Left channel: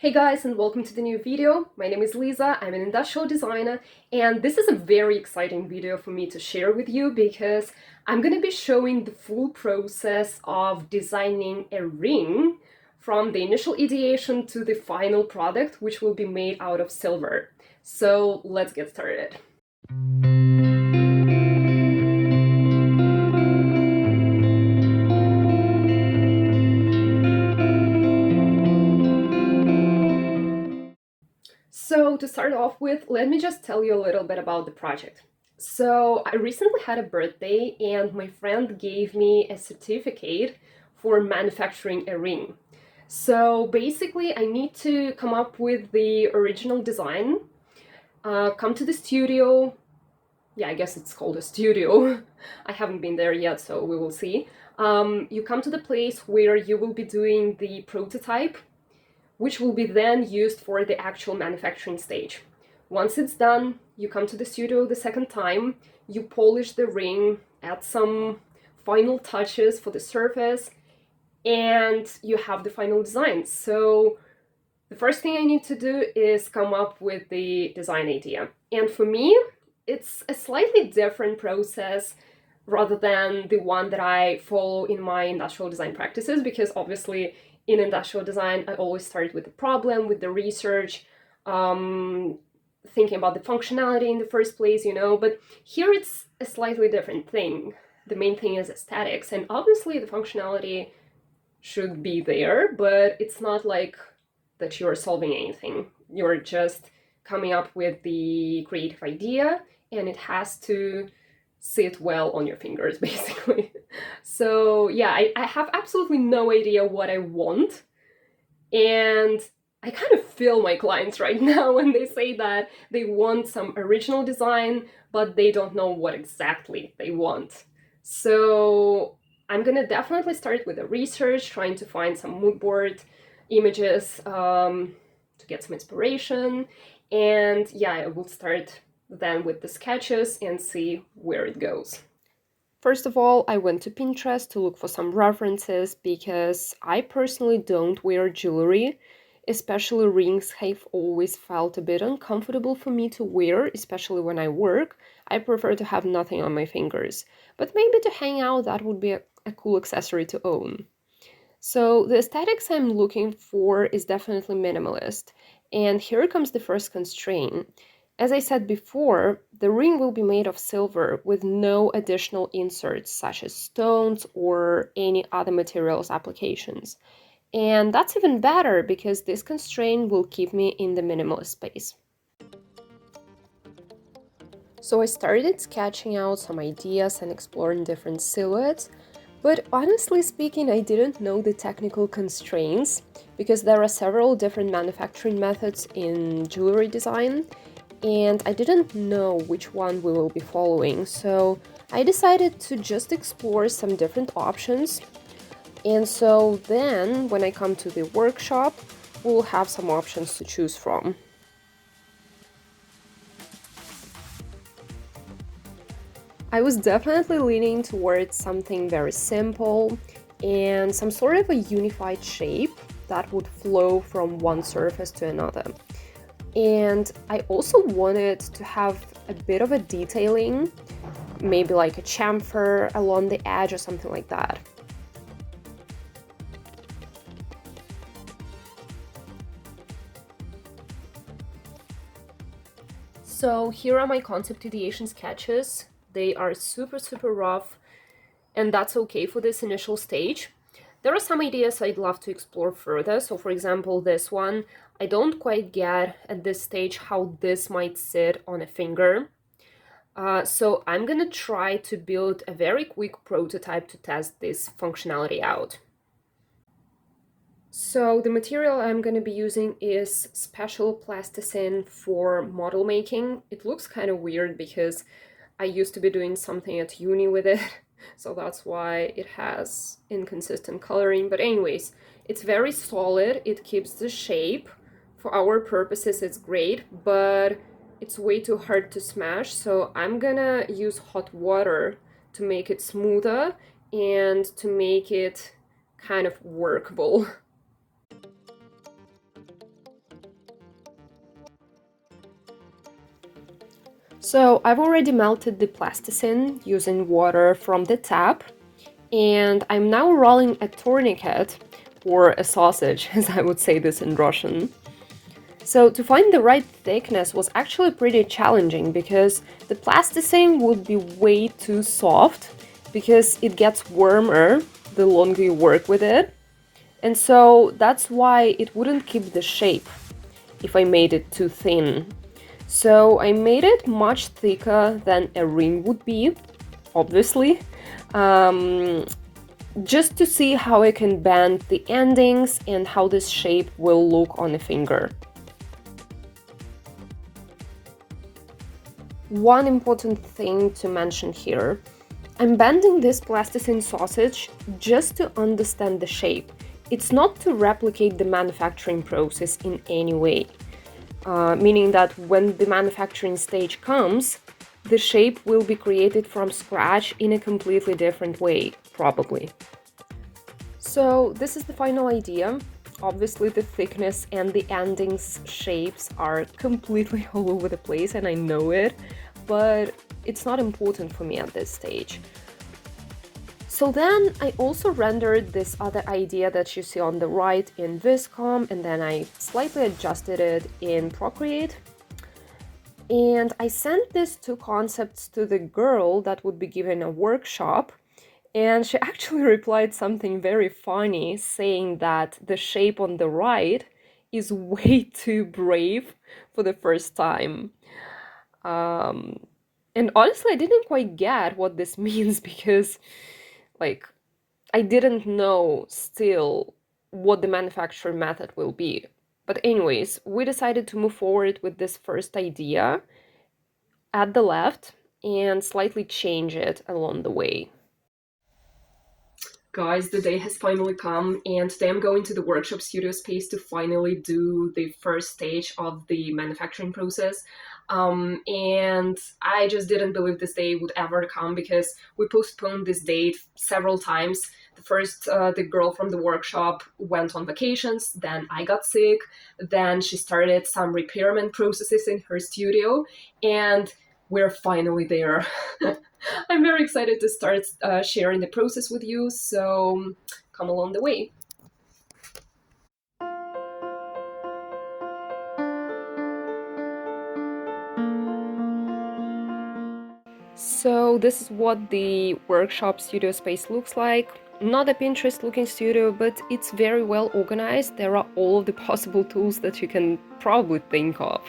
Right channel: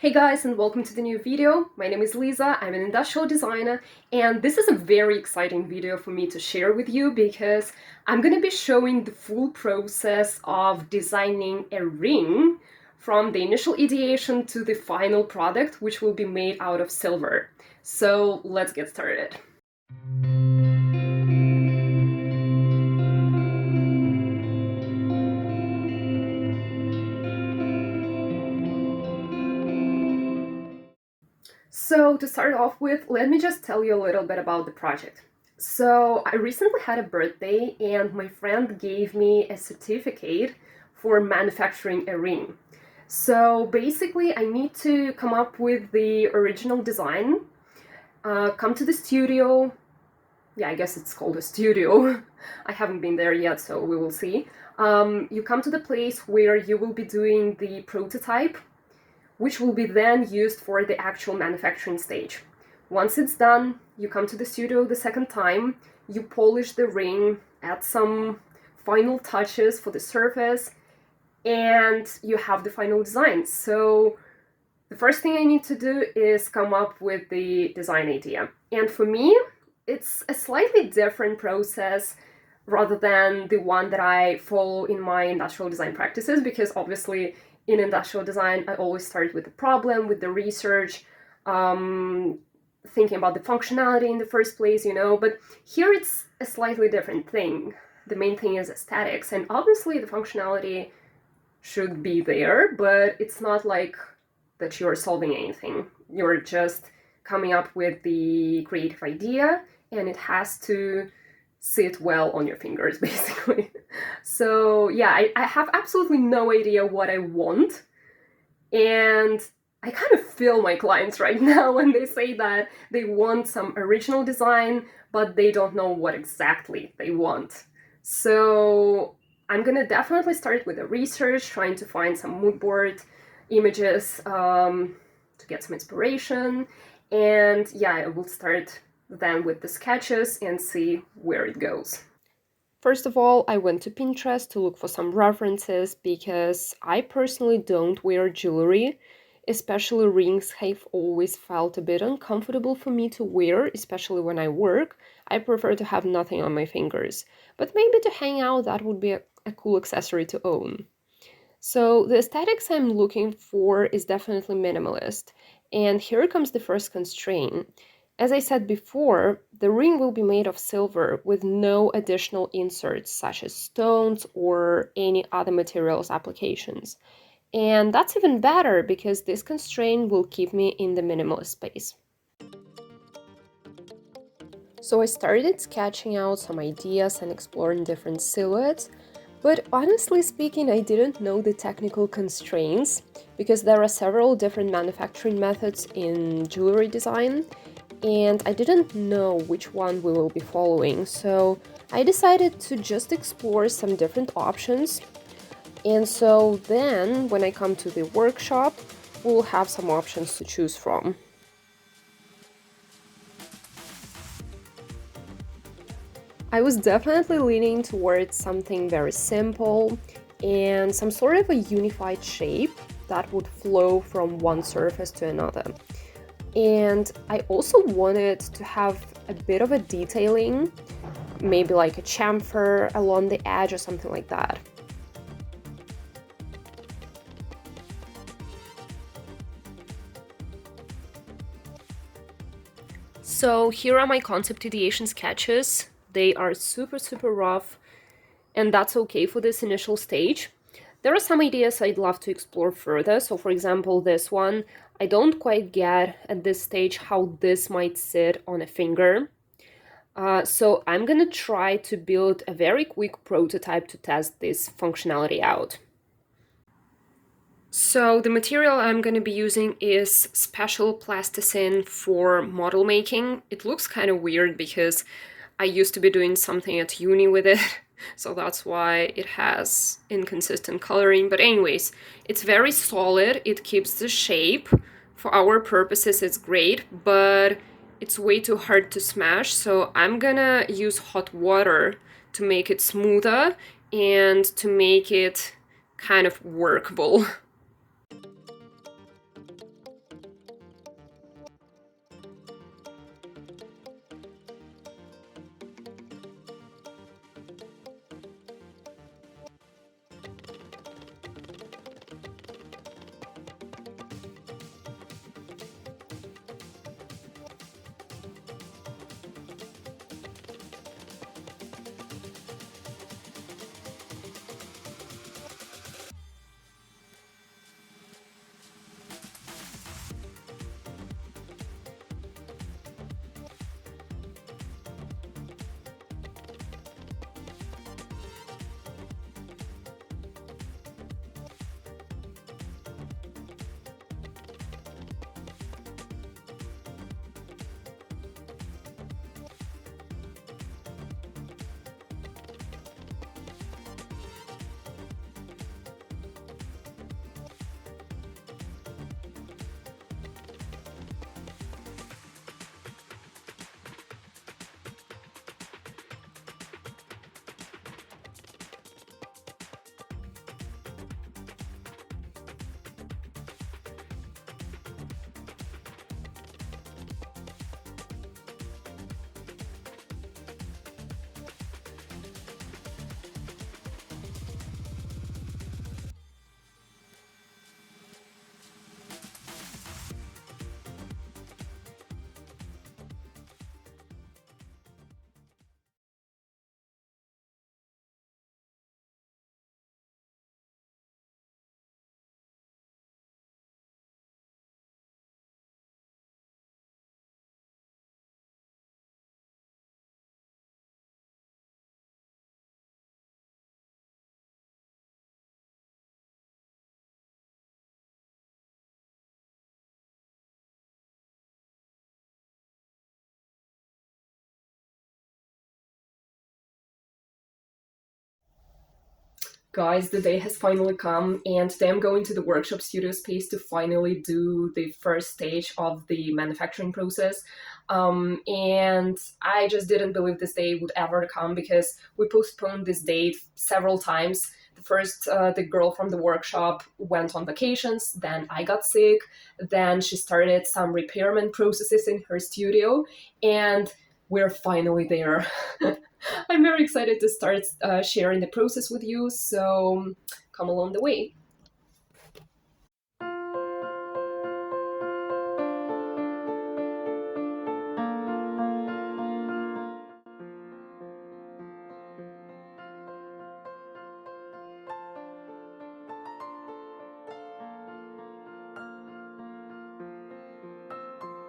Hey guys, and welcome to the new video. My name is Lisa, I'm an industrial designer, and this is a very exciting video for me to share with you because I'm gonna be showing the full process of designing a ring from the initial ideation to the final product, which will be made out of silver. So let's get started. So to start off with, let me just tell you a little bit about the project. So I recently had a birthday and my friend gave me a certificate for manufacturing a ring. So basically I need to come up with the original design, come to the studio. Yeah, I guess it's called a studio. I haven't been there yet, so we will see. You come to the place where you will be doing the prototype, which will be then used for the actual manufacturing stage. Once it's done, you come to the studio the second time, you polish the ring, add some final touches for the surface, and you have the final design. So the first thing I need to do is come up with the design idea. And for me, it's a slightly different process rather than the one that I follow in my industrial design practices, because obviously in industrial design, I always start with the problem, with the research, thinking about the functionality in the first place, but here it's a slightly different thing. The main thing is aesthetics, and obviously the functionality should be there, but it's not like that you're solving anything. You're just coming up with the creative idea, and it has to sit well on your fingers, basically. So yeah, I have absolutely no idea what I want, and I kind of feel my clients right now when they say that they want some original design, but they don't know what exactly they want. So I'm gonna definitely start with the research, trying to find some mood board images to get some inspiration, and yeah, I will start then with the sketches and see where it goes. First of all, I went to Pinterest to look for some references because I personally don't wear jewelry. Especially rings have always felt a bit uncomfortable for me to wear, especially when I work. I prefer to have nothing on my fingers. But maybe to hang out, that would be a cool accessory to own. So the aesthetics I'm looking for is definitely minimalist. And here comes the first constraint. As I said before, the ring will be made of silver with no additional inserts such as stones or any other materials applications. And that's even better because this constraint will keep me in the minimalist space. So I started sketching out some ideas and exploring different silhouettes, but honestly speaking, I didn't know the technical constraints because there are several different manufacturing methods in jewelry design, and I didn't know which one we will be following, so I decided to just explore some different options. And so then, when I come to the workshop, we'll have some options to choose from. I was definitely leaning towards something very simple and some sort of a unified shape that would flow from one surface to another. And I also wanted to have a bit of a detailing, maybe like a chamfer along the edge or something like that. So here are my concept ideation sketches. They are super rough, and that's okay for this initial stage. There are some ideas I'd love to explore further. So for example, this one, I don't quite get at this stage how this might sit on a finger. So I'm gonna try to build a very quick prototype to test this functionality out. So the material I'm going to be using is special plasticine for model making. It looks kind of weird because I used to be doing something at uni with it, so that's why it has inconsistent coloring. But anyways, it's very solid, it keeps the shape. For our purposes, it's great, but it's way too hard to smash, so I'm gonna use hot water to make it smoother and to make it kind of workable. So I've already melted the plasticine using water from the tap, and I'm now rolling a tourniquet, or a sausage, as I would say this in Russian. So to find the right thickness was actually pretty challenging because the plasticine would be way too soft because it gets warmer the longer you work with it. And so that's why it wouldn't keep the shape if I made it too thin. So I made it much thicker than a ring would be, obviously, um, just to see how I can bend the endings and how this shape will look on a finger. One important thing to mention here, I'm bending this plasticine sausage just to understand the shape. It's not to replicate the manufacturing process in any way, meaning that when the manufacturing stage comes, the shape will be created from scratch in a completely different way, probably. So this is the final idea. Obviously the thickness and the endings shapes are completely all over the place and I know it, but it's not important for me at this stage. So then I also rendered this other idea that you see on the right in Viscom, and then I slightly adjusted it in Procreate. And I sent these two concepts to the girl that would be given a workshop, and she actually replied something very funny, saying that the shape on the right is way too brave for the first time. Um, and honestly, I didn't quite get what this means because, like, I didn't know still what the manufacturing method will be. But anyways, we decided to move forward with this first idea at the left and slightly change it along the way. Guys, the day has finally come, and today I'm going to the workshop studio space to finally do the first stage of the manufacturing process. And I just didn't believe this day would ever come because we postponed this date several times. The girl from the workshop went on vacations, then I got sick, then she started some repairment processes in her studio, and we're finally there. I'm very excited to start sharing the process with you, so come along the way. So this is what the workshop studio space looks like. Not a Pinterest looking studio, but it's very well organized. There are all of the possible tools that you can probably think of.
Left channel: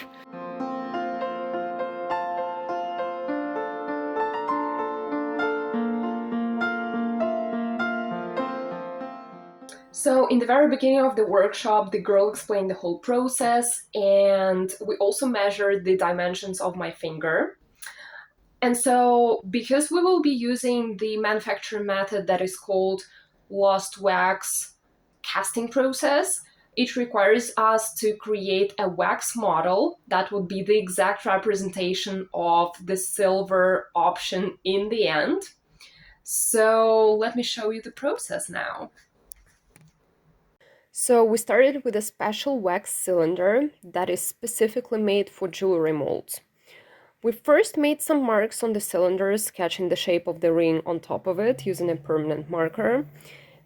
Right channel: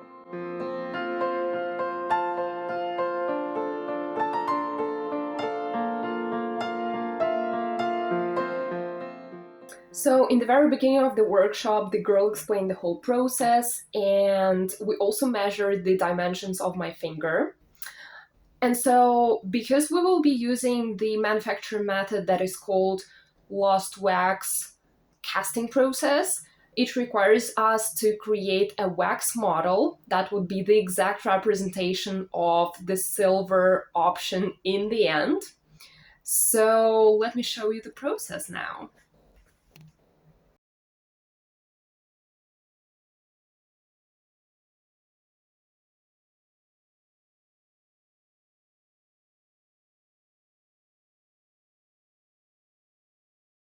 So in the very beginning of the workshop, the girl explained the whole process, and we also measured the dimensions of my finger. And so, because we will be using the manufacturing method that is called lost wax casting process, it requires us to create a wax model that would be the exact representation of the silver option in the end. So, let me show you the process now. So we started with a special wax cylinder that is specifically made for jewelry molds. We first made some marks on the cylinder, sketching the shape of the ring on top of it using a permanent marker.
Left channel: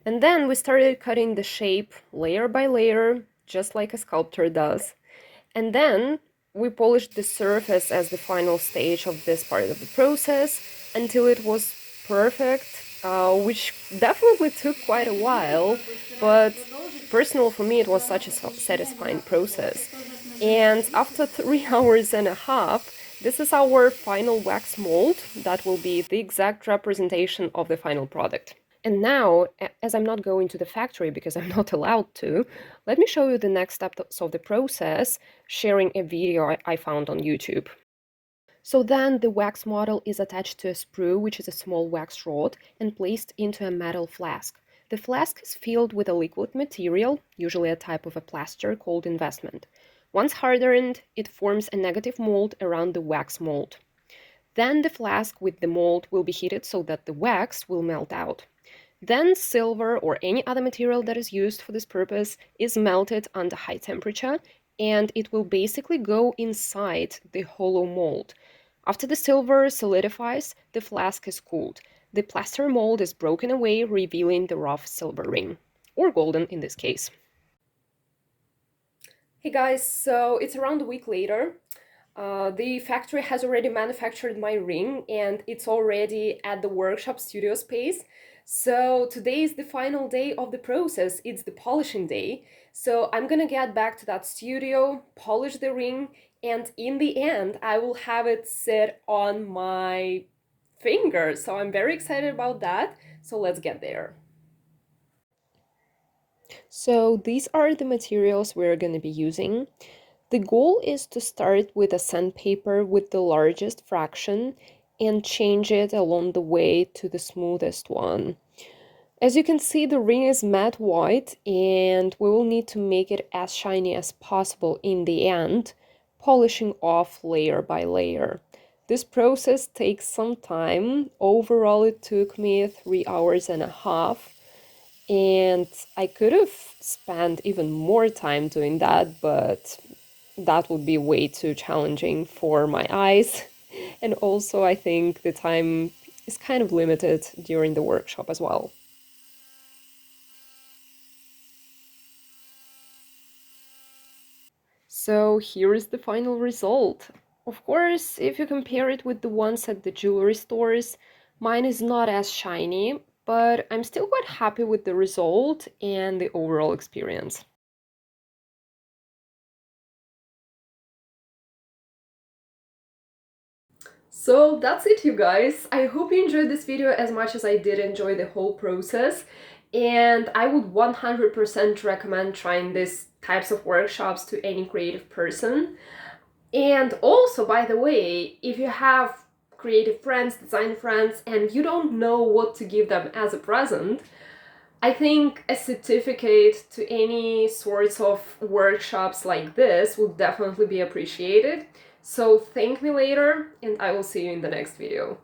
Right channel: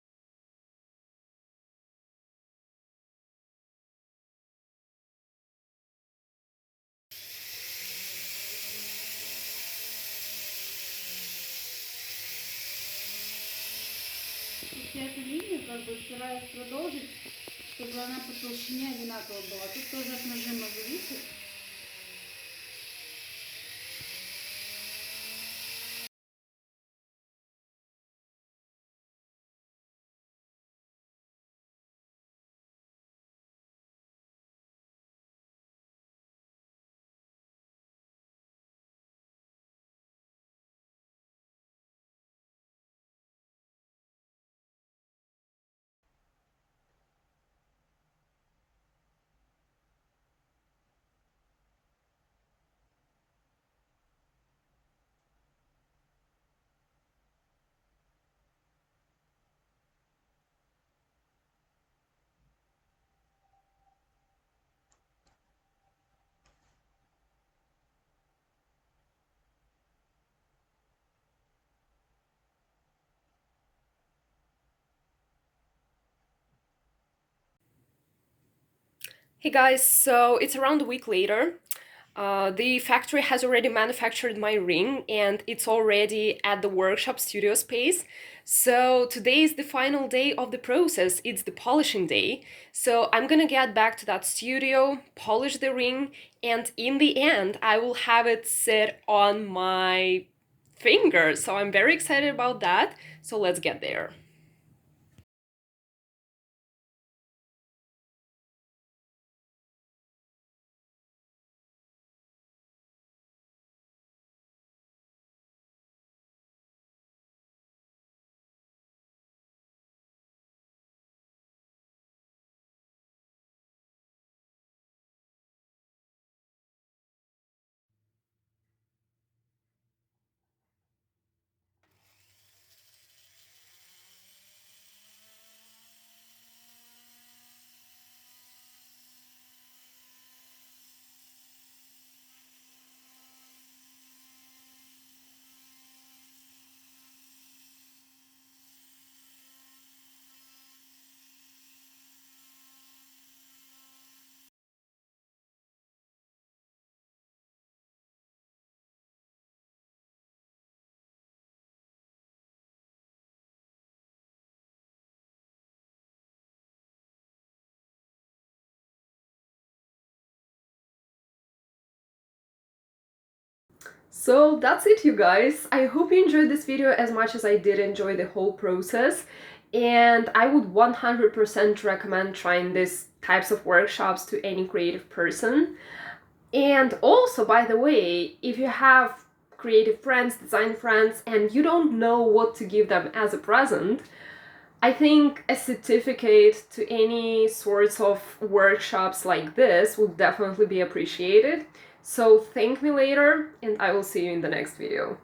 And then we started cutting the shape layer by layer, just like a sculptor does. And then we polished the surface as the final stage of this part of the process until it was perfect, which definitely took quite a while, but personal for me it was such a satisfying process. And after 3 hours and a half, this is our final wax mold that will be the exact representation of the final product. And now, as I'm not going to the factory because I'm not allowed to, let me show you the next steps of the process, sharing a video I found on YouTube. So then the wax model is attached to a sprue, which is a small wax rod, and placed into a metal flask. The flask is filled with a liquid material, usually a type of a plaster called investment. Once hardened, it forms a negative mold around the wax mold. Then the flask with the mold will be heated so that the wax will melt out. Then silver or any other material that is used for this purpose is melted under high temperature, and it will basically go inside the hollow mold. After the silver solidifies, the flask is cooled. The plaster mold is broken away, revealing the rough silver ring, or golden in this case. Hey guys, so it's around a week later. The factory has already manufactured my ring and it's already at the workshop studio space. So today is the final day of the process. It's the polishing day. So I'm gonna get back to that studio, polish the ring, and in the end, I will have it sit on my finger. So I'm very excited about that. So let's get there. So these are the materials we're going to be using. The goal is to start with a sandpaper with the largest fraction and change it along the way to the smoothest one. As you can see, the ring is matte white and we will need to make it as shiny as possible in the end, polishing off layer by layer. This process takes some time. Overall, it took me 3 hours and a half. And I could have spent even more time doing that, but that would be way too challenging for my eyes. And also, I think the time is kind of limited during the workshop as well. So here is the final result. Of course, if you compare it with the ones at the jewelry stores, mine is not as shiny, but I'm still quite happy with the result and the overall experience. So that's it, you guys. I hope you enjoyed this video as much as I did enjoy the whole process. And I would 100% recommend trying these types of workshops to any creative person. And also, by the way, if you have creative friends, design friends, and you don't know what to give them as a present, I think a certificate to any sorts of workshops like this would definitely be appreciated. So thank me later, and I will see you in the next video.